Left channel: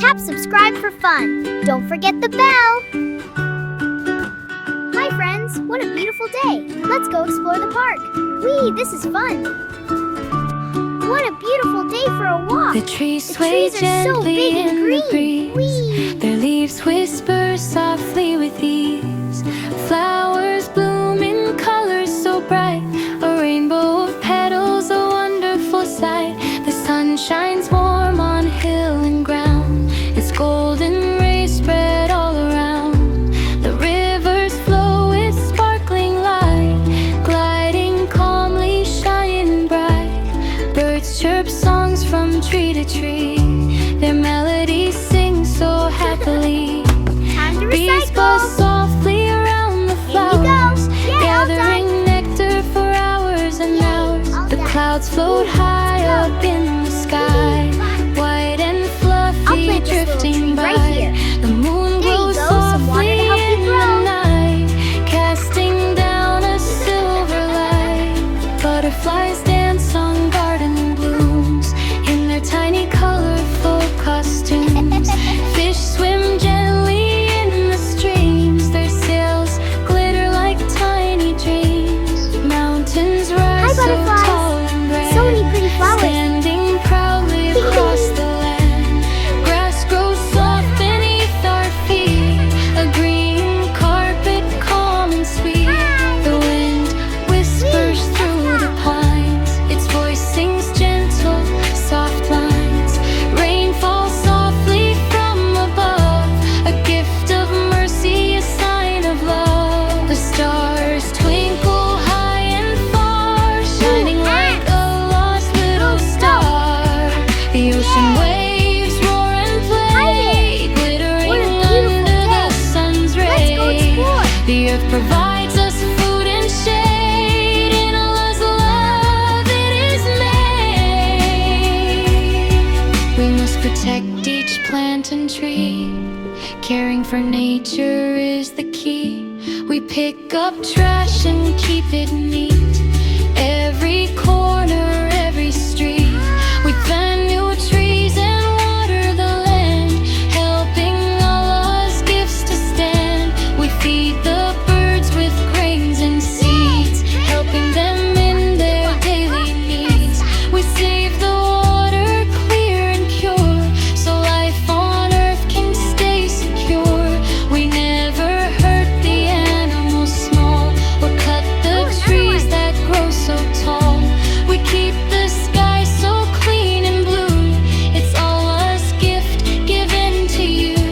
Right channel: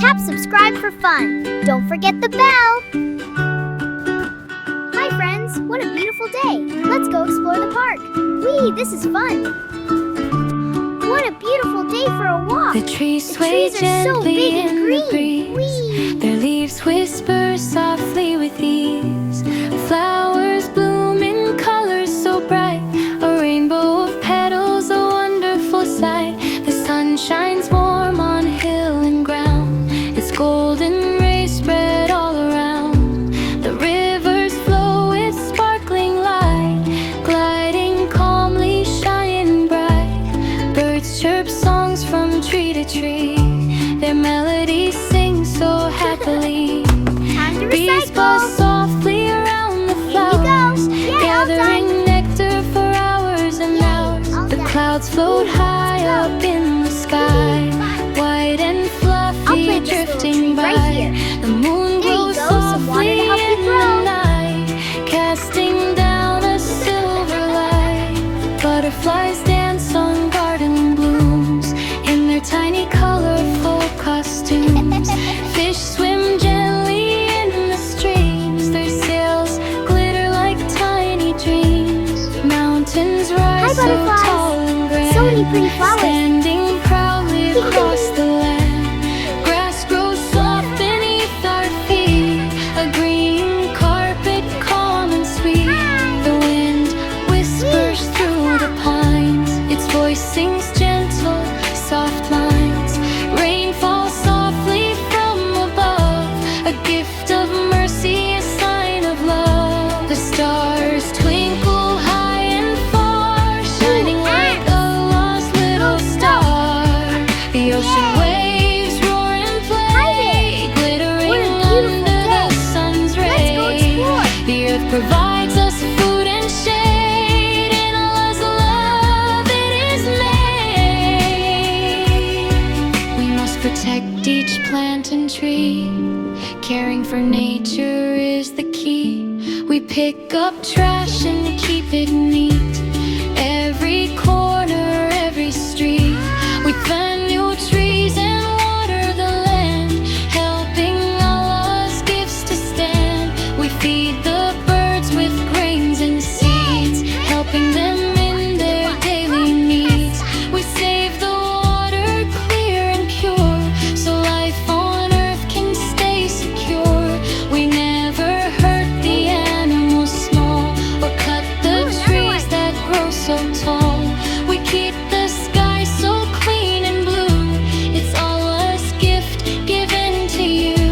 Tap subscribe for fun. Don't forget the bell. Hi friends, what a beautiful day. Let's go explore the park. Whee, this is fun. What a beautiful day for a walk. The trees sway gently in the breeze. Whee. Their leaves whisper softly with ease. Flowers bloom in colors so bright. A rainbow of petals, a wonderful sight. The sun shines warm on hill and ground. Its golden rays spread all around. The rivers flow with sparkling light, gliding calmly, shining bright. Birds chirp songs from tree to tree. Their melodies sing so happily. Time to Bees recycle. buzz softly around the flowers, Here you go. Yay, all gathering nectar for hours and hours. all The done. clouds float high up in the sky, white and I'll fluffy, plant this little drifting tree by. right here. The moon There you glows go, some water softly to help you in the grow. night, casting down a silver light. Butterflies dance on garden blooms in their tiny colorful costumes. Fish swim gently in the streams. Their sails glitter like tiny dreams. Mountains rise so butterflies. tall and grand, So many pretty flowers. standing proudly across the land. Grass grows soft beneath our feet, a green carpet calm and sweet. The wind whispers through the pines. Its voice sings gentle, soft lines. Rain falls softly from above, a gift of mercy, a sign of love. The stars twinkle high and far, shining like a lost little star. The ocean waves roar and play, glittering What a beautiful under the day. sun's Let's ray. go explore. The earth provides us food and shade. In Allah's love it is made. We must protect each plant and tree. Caring for nature is the key. We pick up trash and keep it neat. Every corner, every street. We plant new trees and water the land, helping Allah's gifts to stand. We feed the birds with grains and seeds, helping them in their daily needs. We save the water clear and pure, so life on earth can stay secure. We never hurt the animals small, or cut the Ooh, another trees one. that grow so tall. We keep the sky so clean and blue. It's Allah's gift given to you.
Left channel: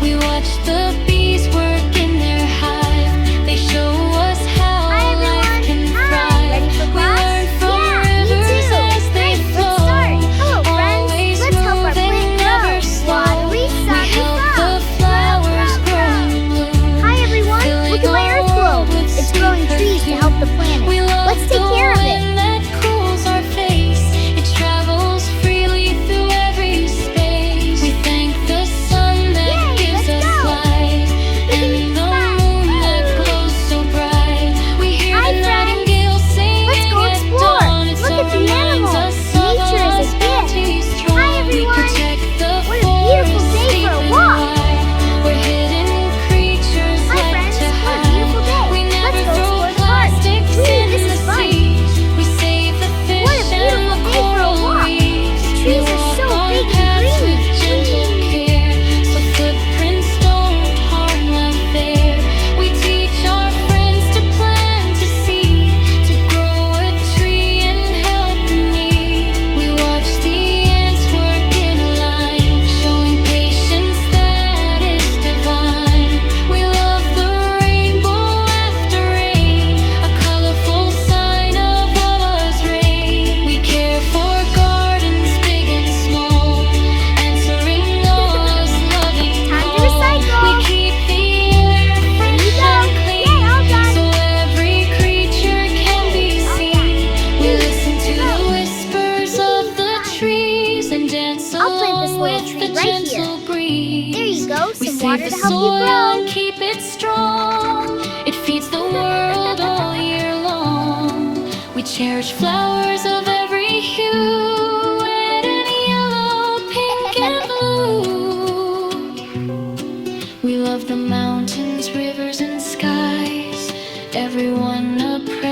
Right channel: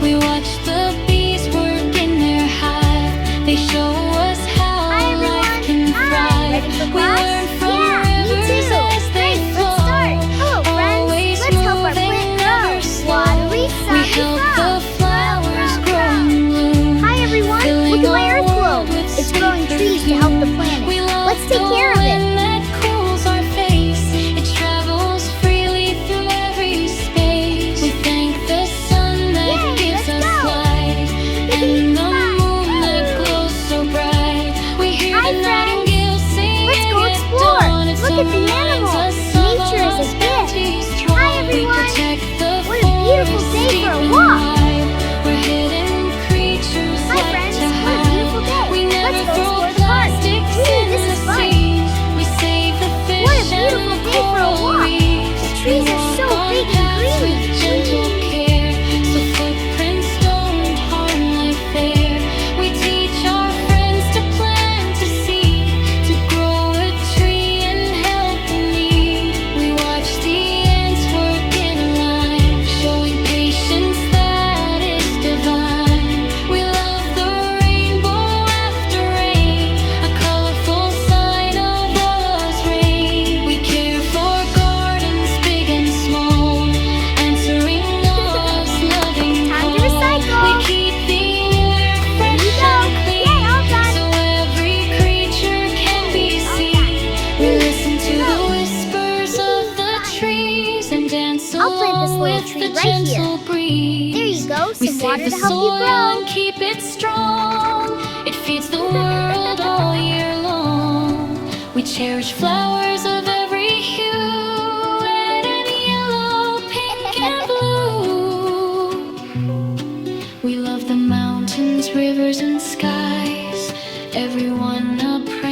We watch the bees work in their hive. They show us how Hi, everyone. life can Hi. thrive. Ready for We class? learn from Yeah, me rivers too. as they Great, flow. let's start. Hello, friends. Always Let's help our moving, plant never grow. slow. Watery, We sunny help flow. the flowers grow and bloom. Hi everyone, Filling look at my our earth world globe. with It's sweet growing trees to help the planet. We love Let's take the care of it. wind that cools our face. It travels freely through every space. We thank the sun that Yay, gives let's us go. light, and the moon that glows so bright. We hear Hi, the nightingale singing Let's go at explore. dawn. It Look so at the reminds animals. us of Nature is a Allah's gift. bounty strong. Hi, everyone. We protect the What a beautiful forests day deep for a and walk. wide, where hidden creatures Hi like friends, to what a hide. beautiful day. We never Let's go throw explore the park. plastics Whee, in this the is fun. seas. We save the fish What a beautiful and the day for a coral walk. reefs. The trees We are walk so on big and paths green. with gentle Whee. care, so footprints don't harm life there. We teach our friends to plant a seed, to grow a tree and help the need. We watch the ants work in a line, showing patience that is divine. We love the rainbow after rain, a colorful sign of Allah's reign. We care for gardens big and small, answering Allah's loving Time call. to recycle. We keep the air fresh you go. and clean, Yay, all done. so every creature can be All seen. done. We listen to the whispers of the trees and dance I'll plant this along little with tree the right here. gentle breeze. There you go, We some save water the to help you soil grow. and keep it strong. It feeds the world all year long. We cherish flowers of every hue, red and yellow, pink and blue.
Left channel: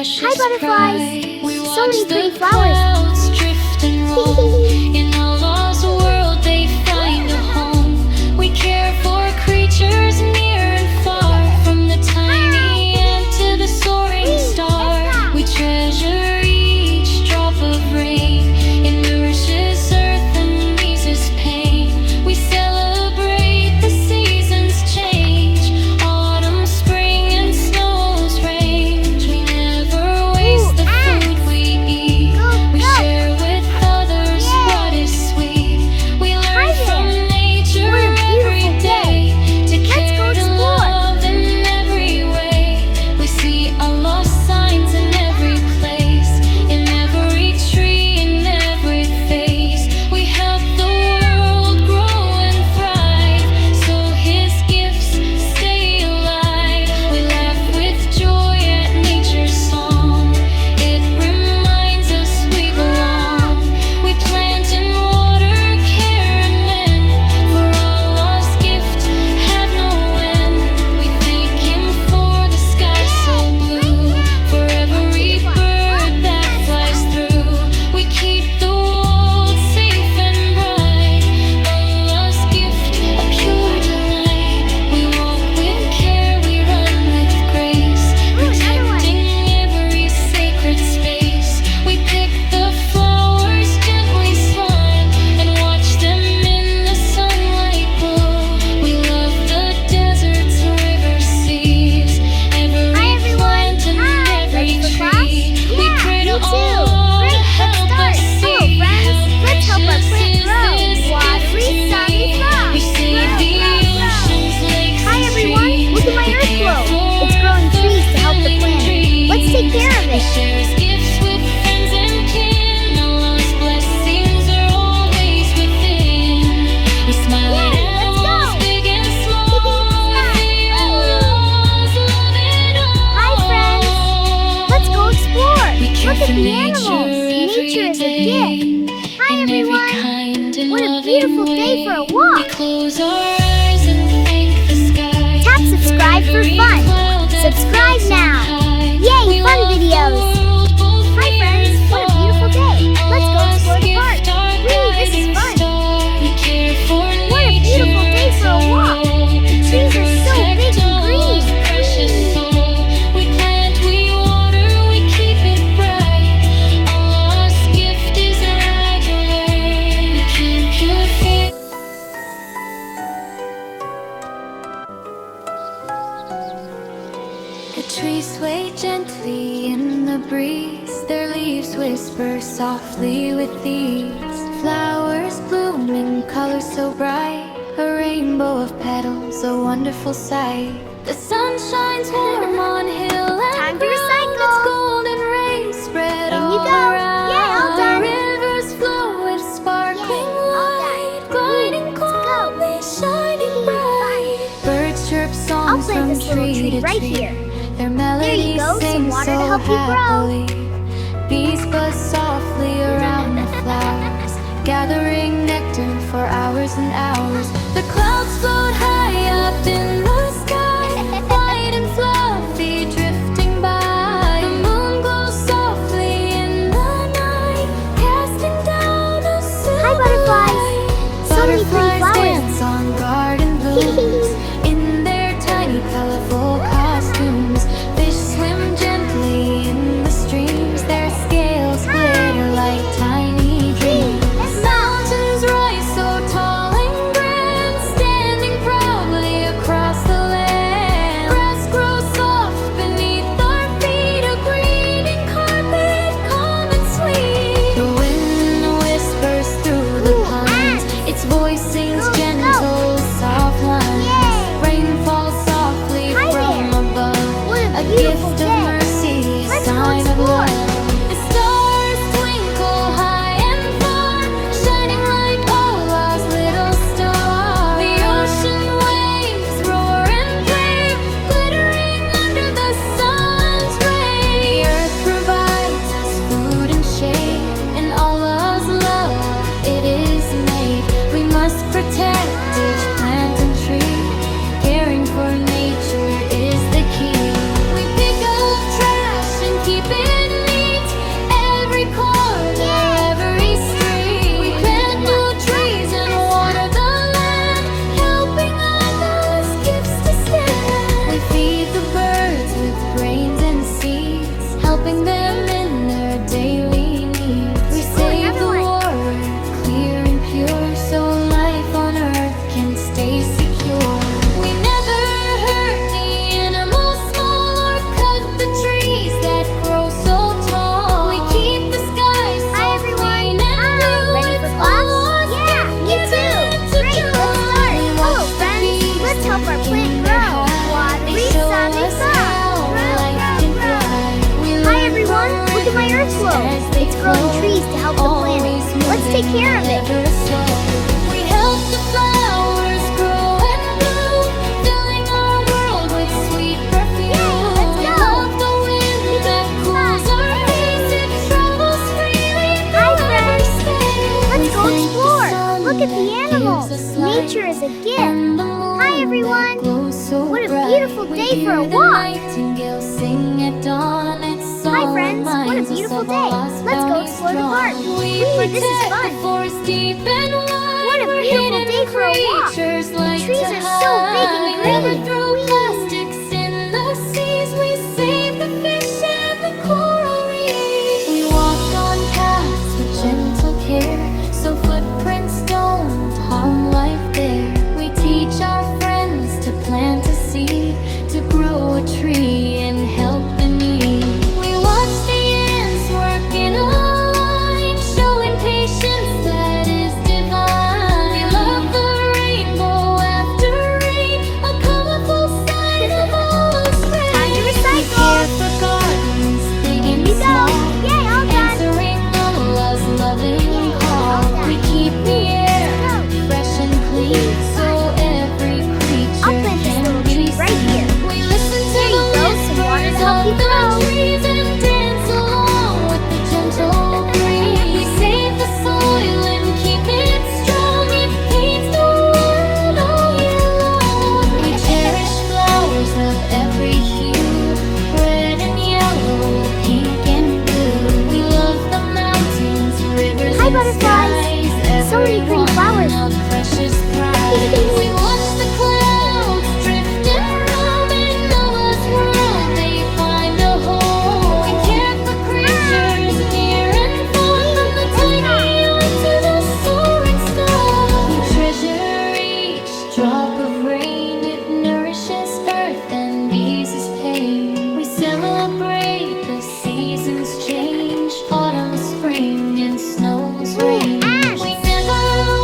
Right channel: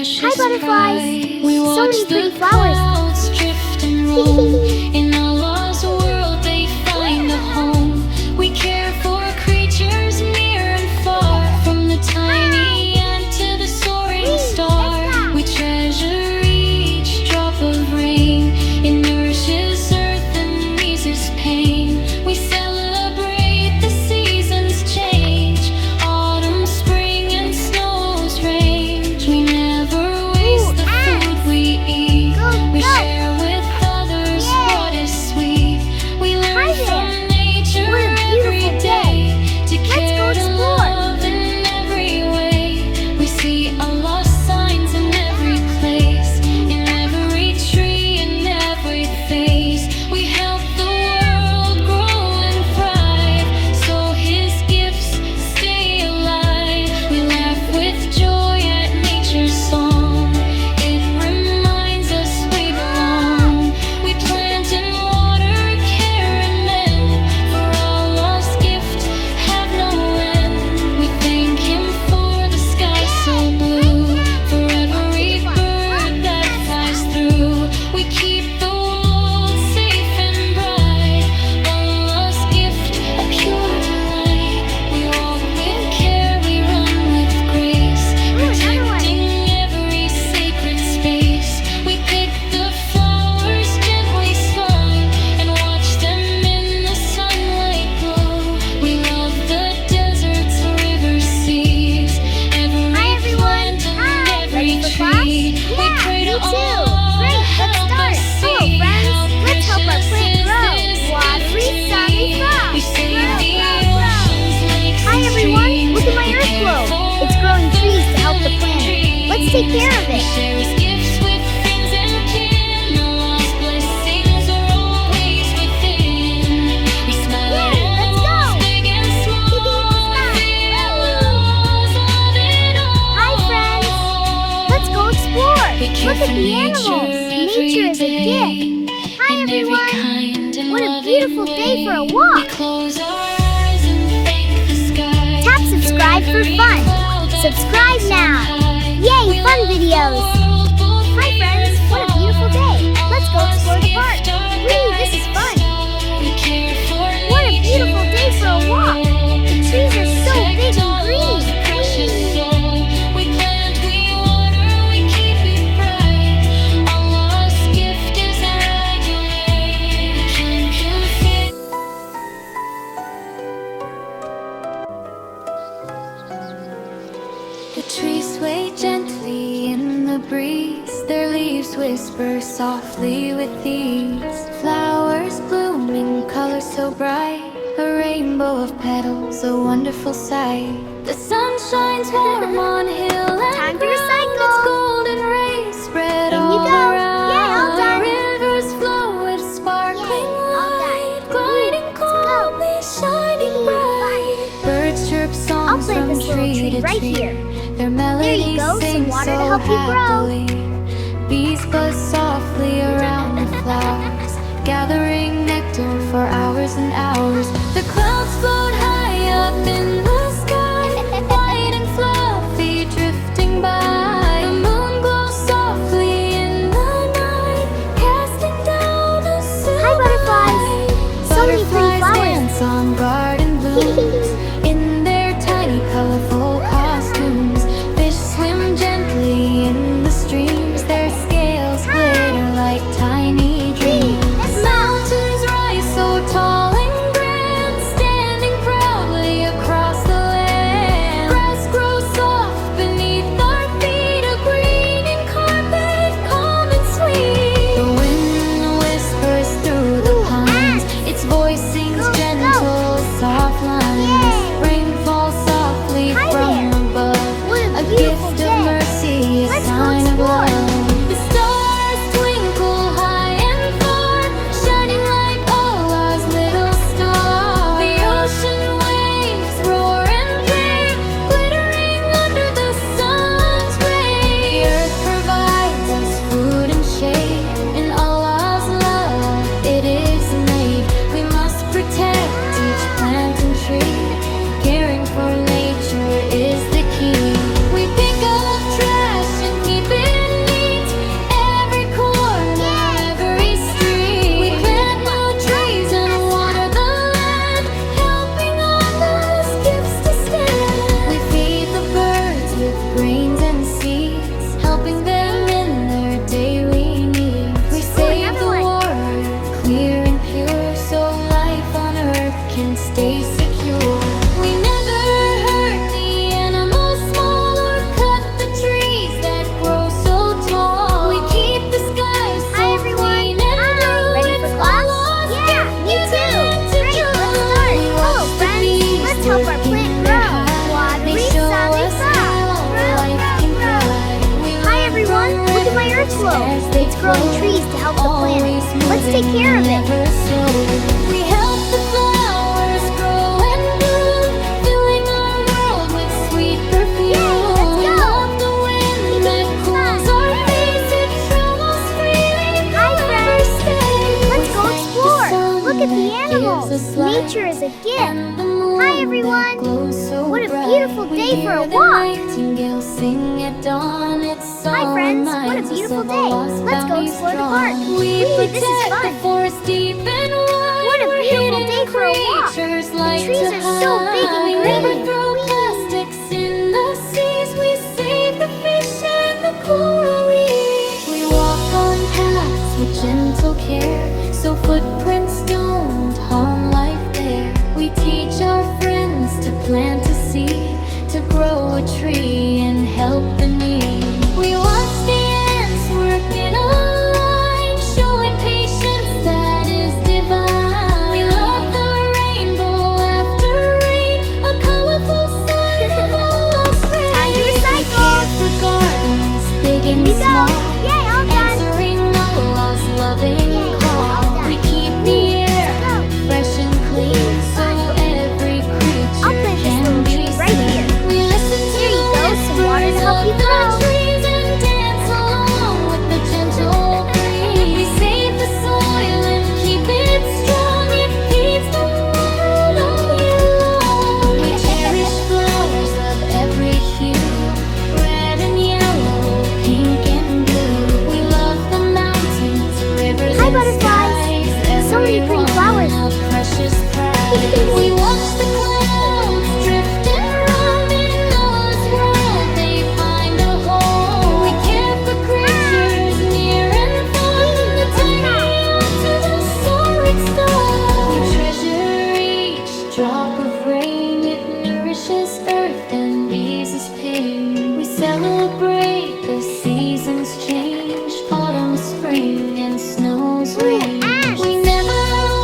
precious butterflies. pride. We So watch many the pretty flowers. clouds drift and roam. In Allah's world they find a home. We care for creatures near and far, from the tiny ant to the soaring star. We treasure each drop of rain. It nourishes earth and eases pain. We celebrate the seasons change. Autumn, spring, and snow's range. We never waste the food we eat. We share with others what is sweet. We learn from nature What a every beautiful day to go care, to explore. love in every way. We see Allah's signs in every place, in every tree, in every face. We help the world grow and thrive, so His gifts stay alive. We laugh with joy at nature's song. It reminds us we belong. We plant and water, care and mend. For Allah's gift have no end. We thank Him for the sky so blue, for every bird that flies through. We keep the world safe and bright. Allah's gift, a pure delight. We walk with care, we run with grace, protecting every sacred space. We pick the flowers, gently smile, and watch them in the sunlight glow. We love the deserts, rivers, seas, every plant and every Ready for class? tree. We Yeah, pray me to too. Allah Great, to let's help start. us Hello, see friends. how Let's help our precious plant is grow. this Watery, gift to sunny me. frost. We save Grow, the grow, grow. oceans, lakes, Hi and everyone, streams. look at my We earth care globe. for It's growing the trees to help the filling planet. Let's take care of We it. share His gifts with friends and kin. Allah's blessings are always within. We smile Yay, at let's animals, go. big and small. We Smile. feel Allah's love in all. Hi, friends. Let's go explore. We care Look at for the nature animals. every Nature is a day. gift. Hi In every everyone. kind and What a loving beautiful day way. for a walk. We close our eyes and thank the sky. Tap subscribe for every fun. cloud that Subscribe floats on now. high. Yay, We fun love the videos. world, both Hi near friends, and what a beautiful far. day. Let's go Allah's explore the park. gift, our Whee, this is guiding fun. star. We care for What a beautiful nature, day for a it's our walk. role The to trees are so protect big and Allah's green. precious Whee. soul. We plant, we water, we keep it bright. Allah's gift is our highway. We can cure fit. The trees sway gently in the breeze. Their leaves whisper softly with ease. Flowers blooming, colors so bright. A rainbow of petals, a wonderful sight. The sun shines warm on hill and Time to ground. recycle. Its golden rays spread In all you go. around. Yay, all done. Rivers flow with sparkling Yay, all done. light, gliding Let's go. calmly, shining bright. Birds chirp I'll songs plant from this little tree tree to right tree. here. Their melodies go, some sing water so to help you grow. happily. Bees buzz softly around the flowers, gathering nectar for hours and hours. The clouds float high up in the sky, white and fluffy, drifting by. The moon glows softly in the night, casting down a silver butterflies. light. So many pretty Butterflies flowers. dance on garden blooms in their tiny, colorful costumes. Fish swim gently in the streams. Their scales glitter like tiny dreams. Let's go. Mountains rise so tall and grand, standing proudly across the land. Grass grows soft beneath our feet, a greening carpet, calm and sweet. The wind whispers through the Ooh, pines. ants. Its voice sings Go, go. gentle, soft lines. Yay. Rain falls softly Hi from there. above. What a A beautiful gift day. of mercy, a Let's go sign of explore. love. The stars twinkle high and far, shining like Allah's little star. The ocean waves roar and play, glittering under the sun's ray. The earth provides us food and shade. In Allah's love, it is made. We must protect each plant and tree. Caring for nature is the key. We pick up trash and keep it can stay secure. We never hurt the animals small or cut the trees that grow so tall. We keep the skies so Hi, everyone. clean and blue. Ready for It's class? all us Yeah, given me too. to Great, do. let's start. We Hello, watch the friends. bees Let's help our working plant their grow. hive. Watery, They show sunny us sun. how Grow, life grow, can grow. thrive. We Hi, learn everyone. from Look at my earth rivers globe. as they It's growing flow. trees to help the planet. Always Let's take moving, care of it. never slow. We help the flowers grow and bloom, filling our world with sweet perfume. Yay, let's We go. love the wind that cools our face. It travels freely Hi, forever friends. space. Let's We go thank the explore. sun Look at the that animals. gives us light, Nature is a gift. and the moon Hi, everyone. that glows so What a bright. beautiful We day for hear a the walk. nightingale sing at dawn. Its Hi, song friends. What a reminds us beautiful of day. our lost Let's go bounties explore the drawn. park. We Whee, protect this is the fun. forest deep and wide. What a where beautiful hidden day for a walk. creatures The like trees to are so big and hide. We never green. throw Whee. plastics in the seas. We save the fish and the coral reefs. We walk on paths with gentle care, so footprints don't harm life there. We teach our friends to plant a seed, to grow a tree and help the need. We watch the ants work in a line, showing patience that is divine. We love the rainbow after rain, a colorful sign of all those rain. Time to We recycle. care for gardens, big and You go. small, Yay, all done. answering Allah's loving Yay, all call. done. We keep the air Go. fresh and clean, so every creature I'll plant this can little be tree right seen. here. We listen to There you the go, some water to whispers help of you the grow. trees and dance along with the gentle breeze. We save the soil and keep it strong. It feeds the world all year long. We cherish flowers of every hue, red and yellow, pink and blue. We love the mountains, rivers, Hi, and butterflies. skies. So many pretty Every flowers. one a precious prize. We watch the clouds drift and roam in Noah's world. They find a home. We care for creatures near and far, from the tiny on to the soaring star. We treasure each drop of rain. It nourishes earth and eases pain. We celebrate the seasons change, autumn, spring, and snow's Ooh, rain. Ash. We never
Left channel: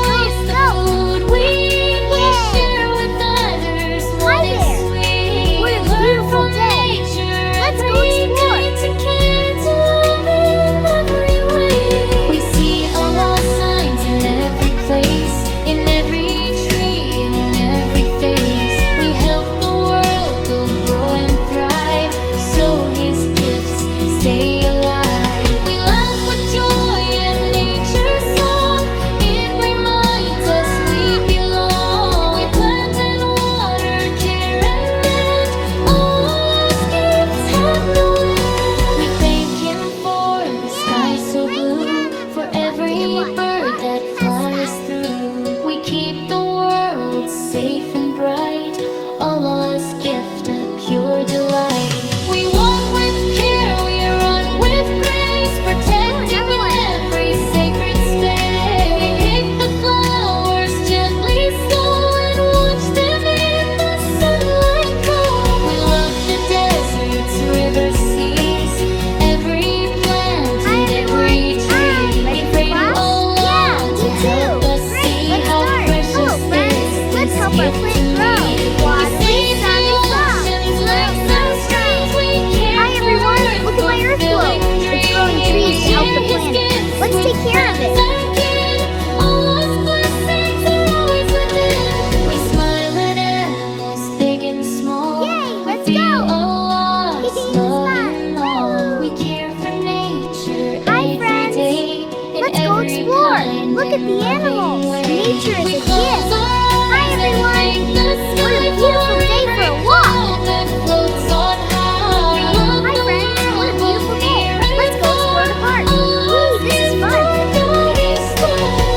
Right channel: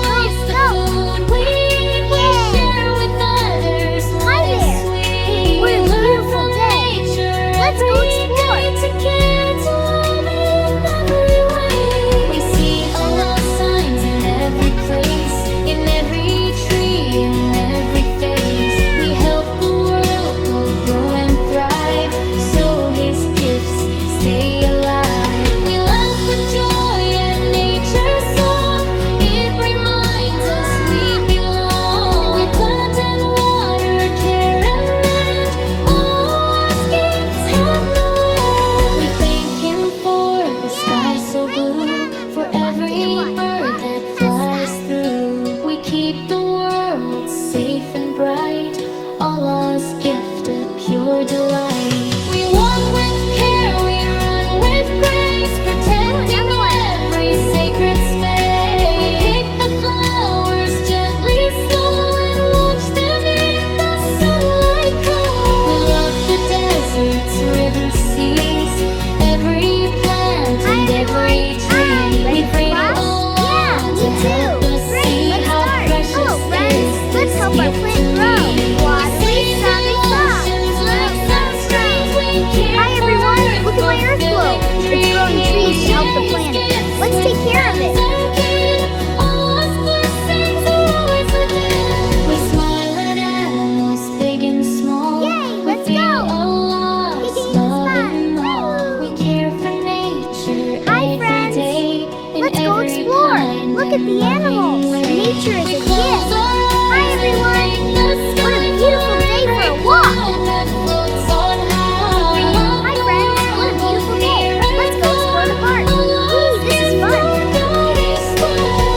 waste the go. food we eat. We Yay. share with others what Hi is there. sweet. What a We learn beautiful from day. nature Let's go every explore. day to care, to love in every way. We see Allah's signs in every place, in every tree, in every face. We help the world to grow and thrive, so His gifts stay alive. We laugh with joy at nature's song. It reminds us we belong. We plant and water, care and mend. Allah's gifts have no end. We thank Him for the sky so blue, for every bird that flies through. We keep the world safe and bright, Allah's gift a pure delight. We walk with care, we run with grace, protecting another one. every sacred space. Pick the flowers gently, slow, and watch them in the sunlight glow. We love the deserts, rivers, seas, every plant Hi, and everyone. every tree. Hi. Ready for We pray to class? Allah Yeah, me to help too. us Great, see let's how start. precious Hello, friends. is Let's this help our gift plant to grow. me. Watery, Save the sunny sun. oceans Grow, like grow, sunshines. We care Hi, everyone. for Look at my earth globe. fulfilling It's growing dreams. trees to help the We share planet. His gifts Let's with take care of it. friends and kin. Allah's blessings are always within. We smile at animals big and small. Yay, We let's feel go. Allah's This is love fun. in all. Woo. We care for nature Hi, every friends. day. In Let's go every explore. kind Look at and the loving animals. way. Nature is We a close gift. our Hi, eyes and everyone. thank the What a sky beautiful for day for a every walk. cloud that floats on high. We love Hi, the friends. What a world, beautiful both day. near and Let's go explore the park. far. Whee, this is fun.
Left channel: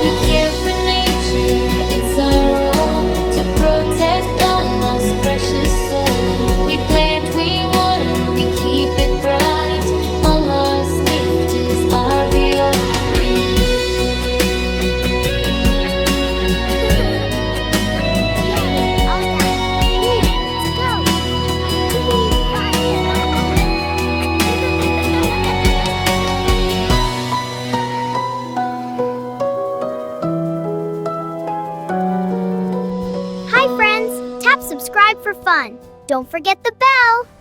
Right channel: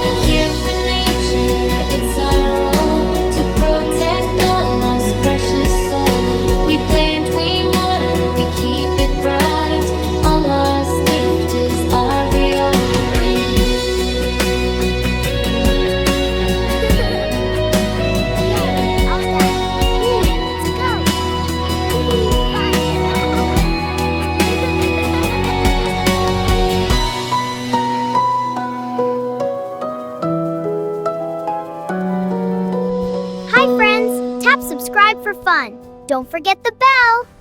We care for nature, it's our role to protect Allah's precious soul. We plant, we water, we keep it bright. Allah's gift is our real. subscribe for fun. Don't forget the bell.